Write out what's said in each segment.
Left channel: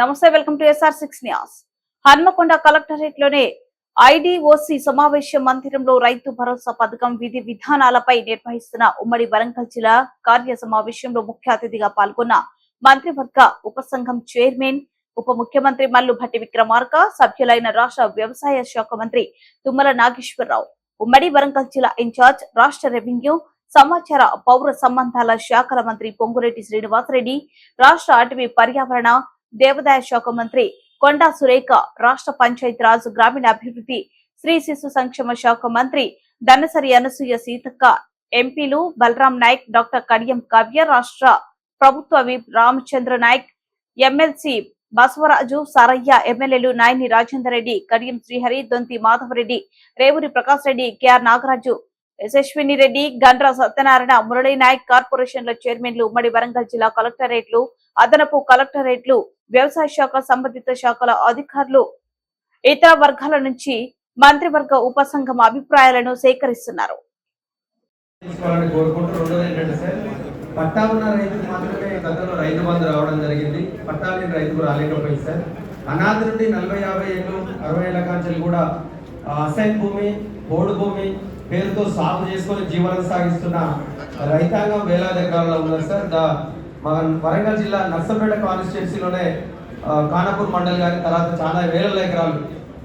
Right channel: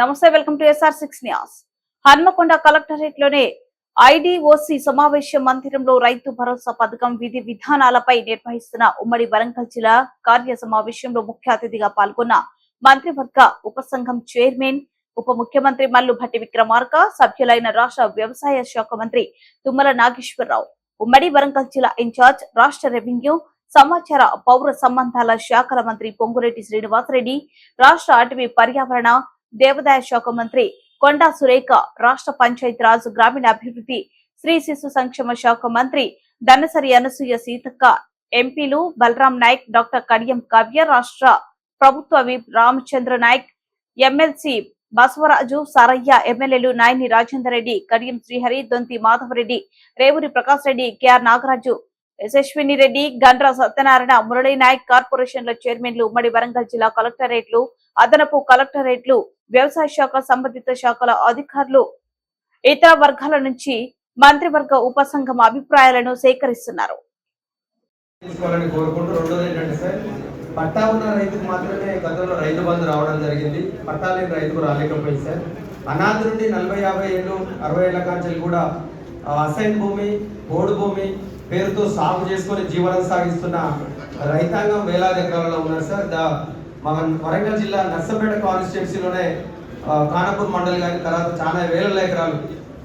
నమస్తే, welcome to SR6 news. Hanamkonda collectorate లోనే IDOC సమావేశ మందిరంలో రైతు భరోసా పథకం విధి విధానాలపై నిర్వహిస్తున్న ఉమ్మడి వరంగల్ జిల్లా కార్య సమావేశంలో ముఖ్య అతిథిగా పాల్గొన్న మంత్రివర్గ ఉపసంఘం చైర్మన్ ఉప ముఖ్యమంత్రి మల్లు భట్టి విక్రమార్క, సభ్యులైన రాష్ట్ర వ్యవసాయ శాఖ మంత్రి తుమ్మల నాగేశ్వరరావు, ఉమ్మడి వరంగల్ జిల్లా ఇన్ఛార్జ్ రాష్ట్ర రెవెన్యూ సమాచార పౌర సంబంధాల శాఖల మంత్రి పొంగులేటి శ్రీనివాసరెడ్డి, రాష్ట్ర అటవీ పర్యావరణ దేవాదాయ శాఖ మంత్రి కొండా సురేఖ, రాష్ట్ర పంచాయతీరాజ్ గ్రామీణాభివృద్ధి శ్రీ శిశు సంక్షేమ శాఖ మంత్రి దనసరి అనసూయ సీతక్క, ఎంపీలు బలరాం నాయక్, డాక్టర్ కడియం కావ్య, రాష్ట్ర ప్రభుత్వ విప్ రామచంద్ర నాయక్, ఎమ్మెల్సీ బసవరాజు సారయ్య, ఎమ్మెల్యేలు నాయని రాజేందర్ రెడ్డి, కడియం శ్రీహరి, దొంతి మాధవరెడ్డి, రేవూరి ప్రకాష్ రెడ్డి, కెఆర్ నాగరాజు, యశస్విని రెడ్డి, గండ్ర సత్యనారాయణ, మురళీ నాయక్, కార్పొరేషన్ల చైర్మన్లు, ఉమ్మడి వరంగల్ జిల్లా కలెక్టరేట్లు, అదనపు కలెక్టరేట్లు, వ్యవసాయ శాఖ సంబంధిత శాఖల అధికారులు, ఇతర వర్గాల నుంచి మంత్రివర్గ ఉపసంఘం అభిప్రాయాలను సేకరిస్తున్నారు. పట్టా ఉన్న రైతుకు మాత్రమే గతంలో రైతు బంధు రావడం జరిగింది. పట్టా లేని రైతుకు రాలేకపోయింది సార్. అనాథ నుండి 40-50 ఏళ్ళు 60 ఏళ్ల కాంచెలు కూడా అసైన్ భూమి, పోడు భూమి పేరుతో సాగు చేసుకుని జీవనం సాగిస్తున్న రైతాంగం వేలాది ఎకరాల్లో ఉన్నారు సార్. వరంగల్ జిల్లా నర్సంపేట కాన్స్టిట్యున్సీలోనే ఖానాపూర్ మండలి కానీ తర్వాత చాలా వేల ఎకరాలు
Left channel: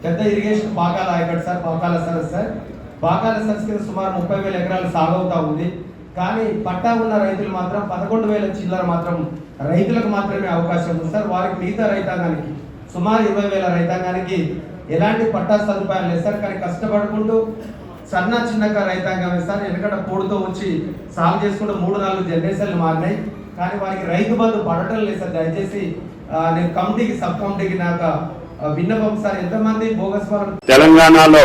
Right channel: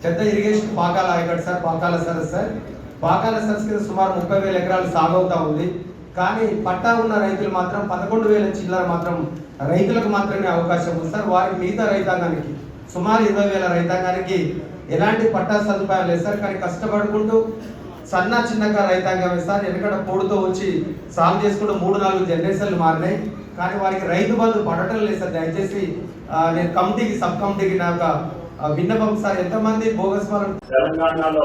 పెద్ద ఇరిగేషన్ పాకాల ఆయకట్ సార్, పాకాల సరస్సు సార్. పాకాల సరస్సు సుమారు 30,000 ఎకరాలు సాగు అవుతా ఉంది. కానీ పట్టా ఉన్న రైతులు మాత్రం 11,000 చిల్లర మాత్రం రైతులకు మాత్రమే అవకాశం ఉంది సార్. వారికి మిగతా రైతాంగానికి సుమారు 20,000 రైతాంగానికి ఎలాంటి పట్టా సదుపాయాలు లేదు సార్. కానీ కష్టపడుకుంటూ చిన్నగా రైతాంగమే సార్. ఎందుకంటే పొడుతో వచ్చి సాగు చేసుకుంటూ 3-4 జనరేషన్లు మారినాయి. కానీ వారికి రైతు బంధు పడటం లేదు సార్. దయచేసి నేను కమిటీకి సబ్ కమిటీకి నాకు విన్నపం సార్. ఎంతమంది బోగస్ తెలంగాణలో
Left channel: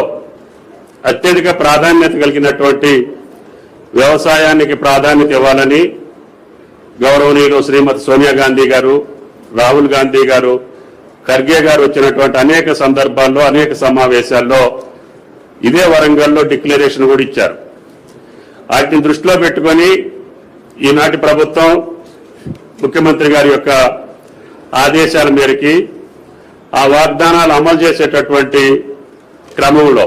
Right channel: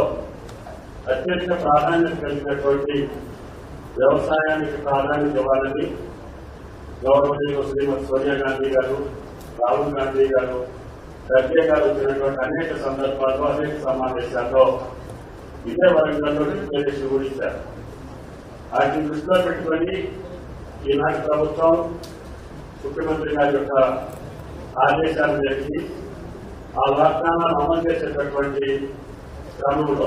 అత్యధిక ప్రాధాన్యత కలిగినటువంటి వ్యవసాయానికి ప్రాధాన్యత ఇవ్వాలని గౌరవనీయులు శ్రీమతి సోనియా గాంధీ గారు, రాహుల్ గాంధీ గారు, ఖర్గే గారు వచ్చినటువంటి అనేక సందర్భాల్లో అనేక సమావేశాల్లో ఇదే వరంగల్లో డిక్లరేషన్ కూడా ఇచ్చారు. వాటిని దృష్టిలో పెట్టుకొని ఈనాటి ప్రభుత్వం ముఖ్యమంత్రి గారి యొక్క ఆదేశాల మేరకి ఆ వాగ్దానాలు అమలు చేసేటటువంటి క్రమంలో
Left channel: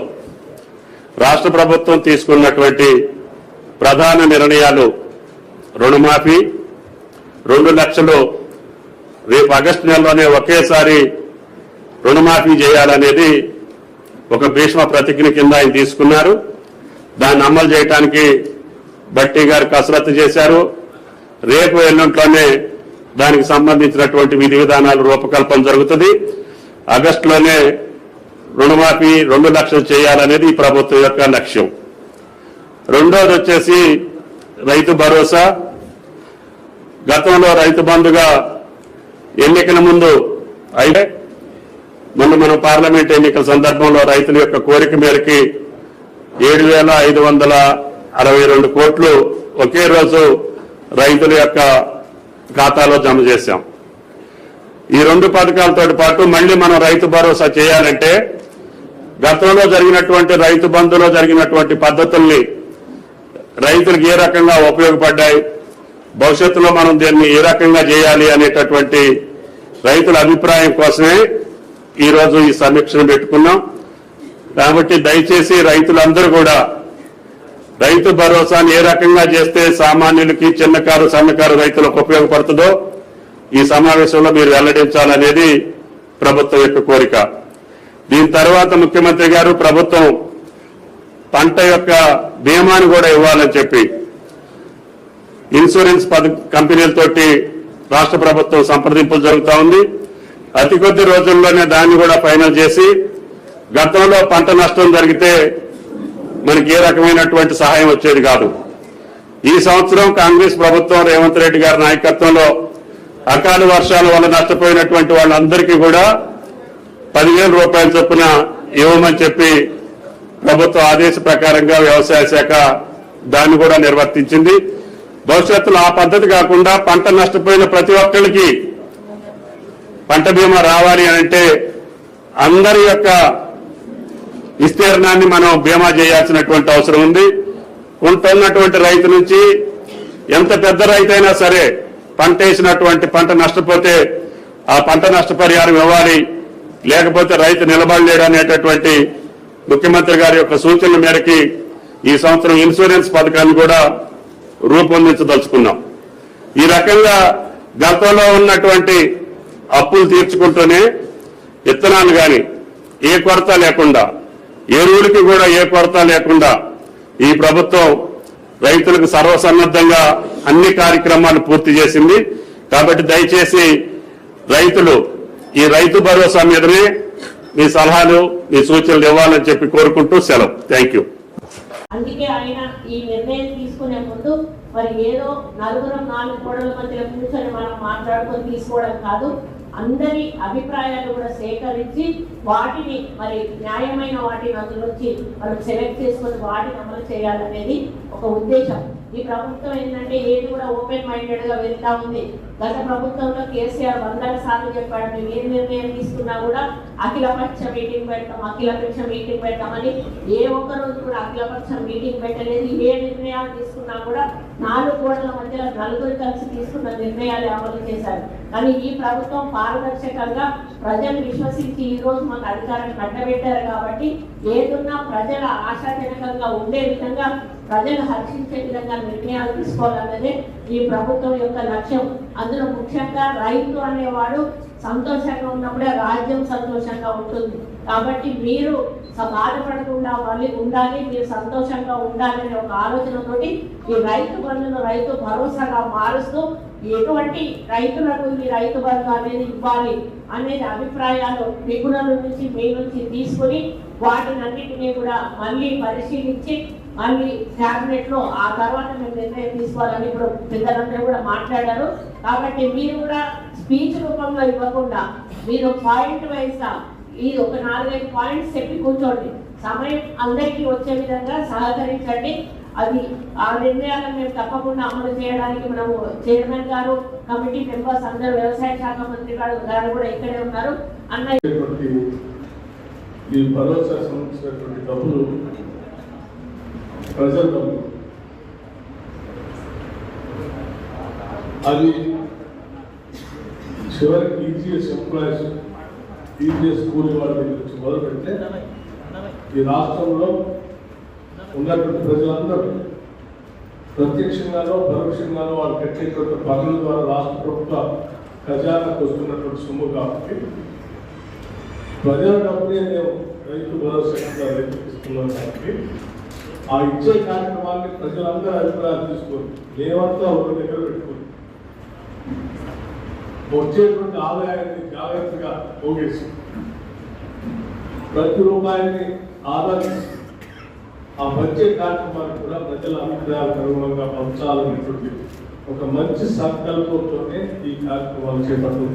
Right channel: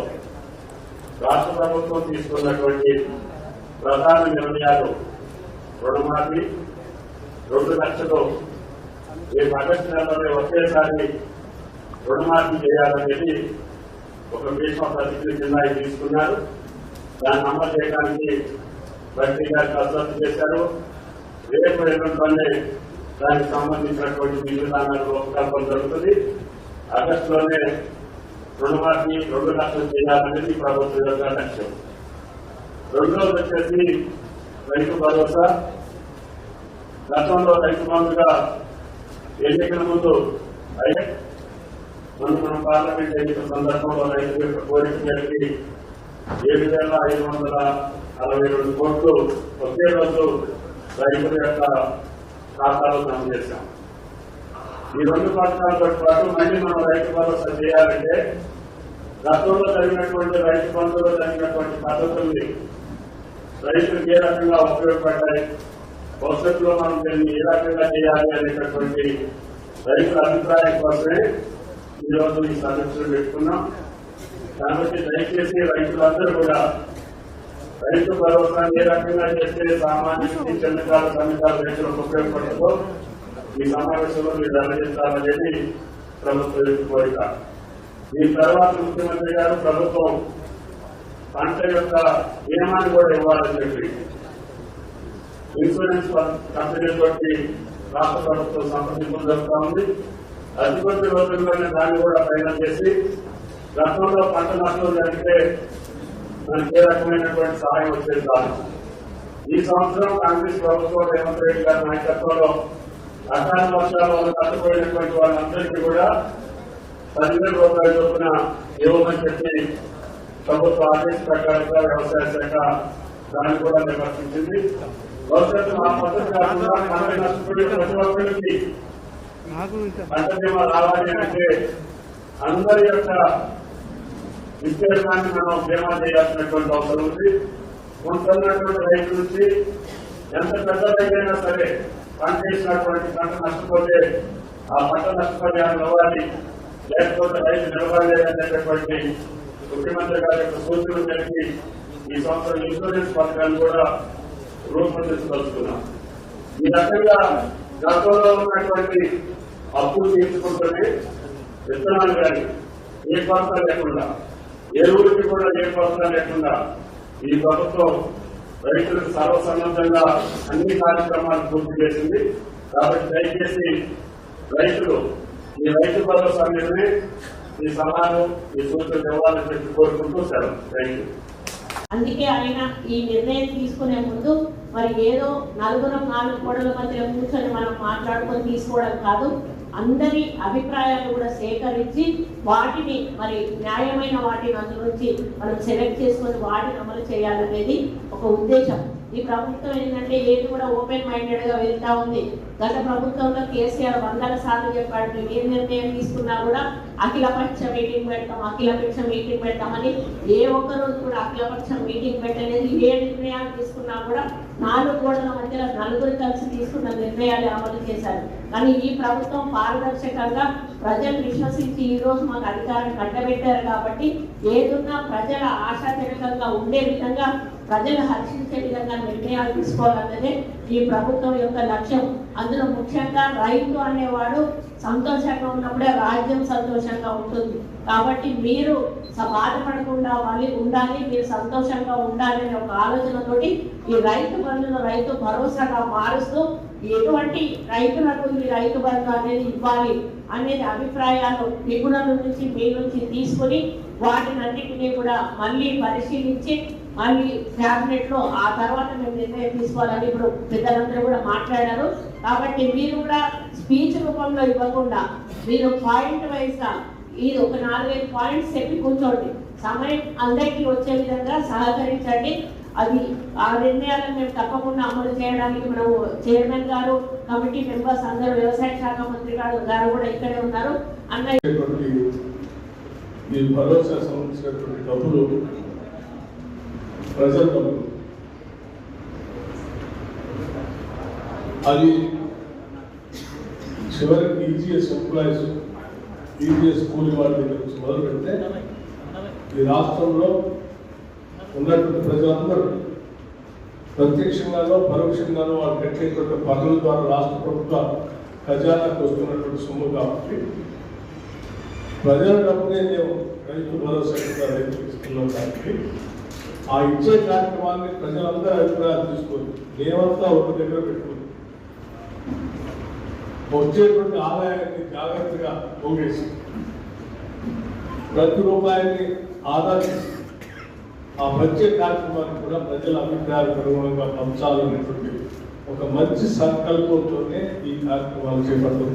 రాష్ట్ర ప్రభుత్వం తీసుకున్నటువంటి ప్రధాన నిర్ణయాలు రుణమాఫీ, 2 లక్షలు రేపు ఆగస్టు నెలలోనే ఒకేసారి రుణమాఫీ చేయాలనేది ఒక భీష్మ ప్రతిజ్ఞ కింద ఆయన తీసుకున్నారు. దాన్ని అమలు చేయడానికి భట్టి గారు కసరత్తు చేశారు. రేపు ఎల్లుంట్లోనే దానికి సంబంధించినటువంటి విధి విధానాలు రూపకల్పన జరుగుతుంది. ఆగస్టులోనే రుణమాఫీ 2 లక్షలు చేయాలనేది ఈ ప్రభుత్వం యొక్క లక్ష్యం. రెండోది వచ్చేసి రైతు భరోసా. గతంలో రైతు బంధుగా ఎన్నికల ముందు అయితే మనం పార్లమెంట్ ఎన్నికల సందర్భంలో రైతుల యొక్క కోరిక మేరకి 7,562 కోట్లు ఒకే రోజు రైతుల యొక్క ఖాతాలో జమ చేశాం. ఈ 2 పథకాలతో పాటు మళ్లీ మనం రైతు భరోసా చేయాలంటే గతంలో జరిగినటువంటి రైతు బంధులో జరిగినటువంటి పద్ధతుల్ని రైతులకు ఏ రకంగా ఉపయోగపడ్డాయి, భవిష్యత్తులో మనం దీన్ని ఏ రకంగా చేయాలి అనేటటువంటి రైతుల అభిప్రాయం కోసమే ఈరోజు ఈ సమీక్షను పెట్టుకున్నాం. కాబట్టి దయచేసి రైతులందరూ కూడా రైతు భరోసాను ఏ రకంగా చేస్తే సామాన్యులకి, చిన్నకారు సన్నకారు రైతులకు ఉపయోగపడుతుందో ఈ సమావేశంలో మీరు వెల్లడించాలనేది ప్రభుత్వం యొక్క కోరిక. దీని తర్వాత ముఖ్యమంత్రి గారు ప్రభుత్వం పంట యొక్క బీమాను కూడా ఇవ్వాలని చెప్పి ఇన్సూరెన్స్ కంపెనీలతోటి రాష్ట్ర ప్రభుత్వం సంప్రదింపులు జరుగుతూ ఉంది. అతి కొద్ది రోజుల్లోనే దాన్ని కూడా ఫైనల్ చేసి గతంలో పంట నష్టం జరిగితే మనకి ఏ రకమైనటువంటి సహాయం వచ్చేది కాదు. ఈ సంవత్సరం కాంగ్రెస్ ప్రభుత్వం రేవంత్ రెడ్డి గారి నాయకత్వంలో అకాల వర్షాల వల్ల నష్టపోయినటువంటి వాళ్ళందరికీ కూడా 10,000 రూపాయల చొప్పున ఇవ్వమని చెప్పి ప్రభుత్వ ఆదేశ ప్రకారంగా వ్యవసాయ శాఖ దాన్ని కూడా నిర్వర్తించింది. భవిష్యత్తులో ఆ పద్ధతి కాకుండా పంట నష్టపోయిన ప్రతి ఒక్కరికి పంట బీమా రావాలి అంటే అందరి యొక్క విస్తీర్ణాన్ని మనం బీమా చేయాల్సినటువంటి అవసరం ఉంది. ఉంటున్నటువంటి రైతు నుంచి ఎంత పెద్ద రైతైనా సరే పంట వేసినటువంటి పంట నష్టపోతే ఆ పంట నష్టపరిహారం ఇవ్వాలి, లేకపోతే రైతు నిలబడలేడు అనేటటువంటి ముఖ్యమంత్రి గారి యొక్క సూచనల మేరకి ఈ సంవత్సరం ఇన్సూరెన్స్ పథకాన్ని కూడా రూపొందించదలుచుకున్నాం. ఈ రకంగా గతంలో ఉన్నటువంటి అప్పులు తీర్చుకుంటూనే విత్తనాలు కానీ ఏ కొరత లేకుండా, ఎరువులకి కూడా ఏ కొరత లేకుండా ఈ ప్రభుత్వం రైతులకు సర్వసన్నద్ధంగా అన్ని కార్యక్రమాలు పూర్తి చేసింది. కాబట్టి దయచేసి రైతులు ఈ రైతు భరోసా మీదనే మీ సలహాలు, మీ సూచనలు ఇవ్వాలని చెప్పి కోరుకుంటూ సెలవు. Thank you. అందుకే ఆయన ఈ నిర్ణయం తీసుకునే ముందు మరి ఏదో నలుగురం 4 గోడల మధ్య కూర్చొని మనం మాట్లాడుకొని తీసుకోవడం కాదు, అందరి అభిప్రాయాలు కూడా సేకరించి వాటిని మరి న్యాయమైన వాటిని అందులోంచి మనం సెలెక్ట్ చేసుకొని వాటిని అమలు చేయాలనేది ఒక ఉద్దేశం. ఈ ప్రభుత్వం ఏంటంటే ఏది కూడా ఓపెన్ మైండెడ్ గా వెళ్తా ఉంది. గత ప్రభుత్వంలో కేసీఆర్ 100 సార్లు చెప్పాడు, మేము ఏ నిర్ణయం తీసుకున్నా కూడా అఖిలపక్ష మీటింగ్ పెడతామని. ఏ ఒక్క రోజు కూడా అఖిలపక్ష మీటింగ్ పెట్టలేదు. ఏ నిర్ణయాలు తీసుకున్నా కూడా 4 గోడల మధ్యలో నలుగురు కలిసి తీసుకున్న నిర్ణయాలు అమలు చేశారు. కానీ ఈ ప్రభుత్వం పారదర్శకంగా ప్రజలు విశ్వసించి ఈ రోజు మాకు అధికారం కట్టబెట్టారు. కాబట్టి ఏదున్నా ప్రజల ఆశాజనకంగా ఉండే విధంగా, ప్రజలు హర్షించే విధంగా నిర్ణయాలు తీసుకోవాలన్నదే ఈ ప్రభుత్వం యొక్క లక్ష్యం. అందులో ముఖ్యంగా రైతు అనేవాడు సంతోషంగా ఉన్నప్పుడే రాజ్యం సంతోషంగా ఉంటుంది. కాబట్టి మీరు బాధపడకుండా ఉండాలి, మీరు సంతోషంగా ఉండాలి అనే ఒక ఆలోచనతోటి ఈ రైతు బంధును రైతు భరోసాగా మారుస్తూ ఎటువంటి రైతులకు ఈ రైతు బంధు అనేది ఇవ్వాలి అనేది అభిప్రాయాలు నిపుణుల నుంచి మీ నుంచి తీసుకుని వాటిని అన్నింటినీ కూడా మళ్ళీ పరిశీలించి మళ్ళీ క్యాబినెట్ లో ఆ తర్వాత మేము నిర్ణయం తీసుకోవాలని ఇప్పుడు పెద్దలందరూ కూడా మాట్లాడారు. కాబట్టి మీరు కూడా స్పీచ్ రూపంలో ఇవ్వకుండా మీరు పాయింట్ వైజ్ గా ఇది ఒక 4-5 పాయింట్స్ చెప్పి కూర్చోండి. సమయం అందరికీ వచ్చే విధంగా సహకరించండి. అది ఆ నిర్ణయాలను మేము తప్పకుండా అమలు చేయడానికి మనము చైర్మన్ గారు, కమిటీ మెంబర్స్ అందరూ, వ్యవసాయ శాఖ మంత్రి గారు కూడా ఇక్కడే ఉన్నారు. ఈ భరోసా సంబంధించినటువంటి డబ్బులు ప్రజల డబ్బులు, అది చివరికి ఈజీఎస్ ఎంప్లాయీస్, ఈజీఎస్ కూలి వాళ్ళ నుంచి మొదలు పెడితే ఈ రాష్ట్రంలో ఉన్నటువంటి ప్రజలందరూ ప్రత్యక్షంగానో పరోక్షంగానో వాళ్ళు కట్టేటువంటి పనుల ద్వారా రాష్ట్ర ప్రభుత్వ ఖజానాకు వస్తున్నటువంటి సొమ్ము. కాబట్టి ప్రజల డబ్బునే నేను రైతు భరోసా కింద రైతులు ఇస్తున్నాను. కాబట్టి ఆ ఇచ్చే కార్యక్రమాన్ని ప్రజలందరూ అభిప్రాయాలు తీసుకొని దేవంతా ఒక దగ్గర పెట్టుకుని వచ్చేటువంటి ఆదాయాన్ని జాగ్రత్తగా పోగేసి ప్రతి రూపాయిని ఆదాయం ఆ వచ్చే కార్యక్రమాన్ని కూడా ప్రజల అభిప్రాయాలకు అనుగుణంగా పంచాలనేటువంటి ఒక మంచి సంకల్పంతోనే ఈ కార్యక్రమాలు చేపడుతుంది.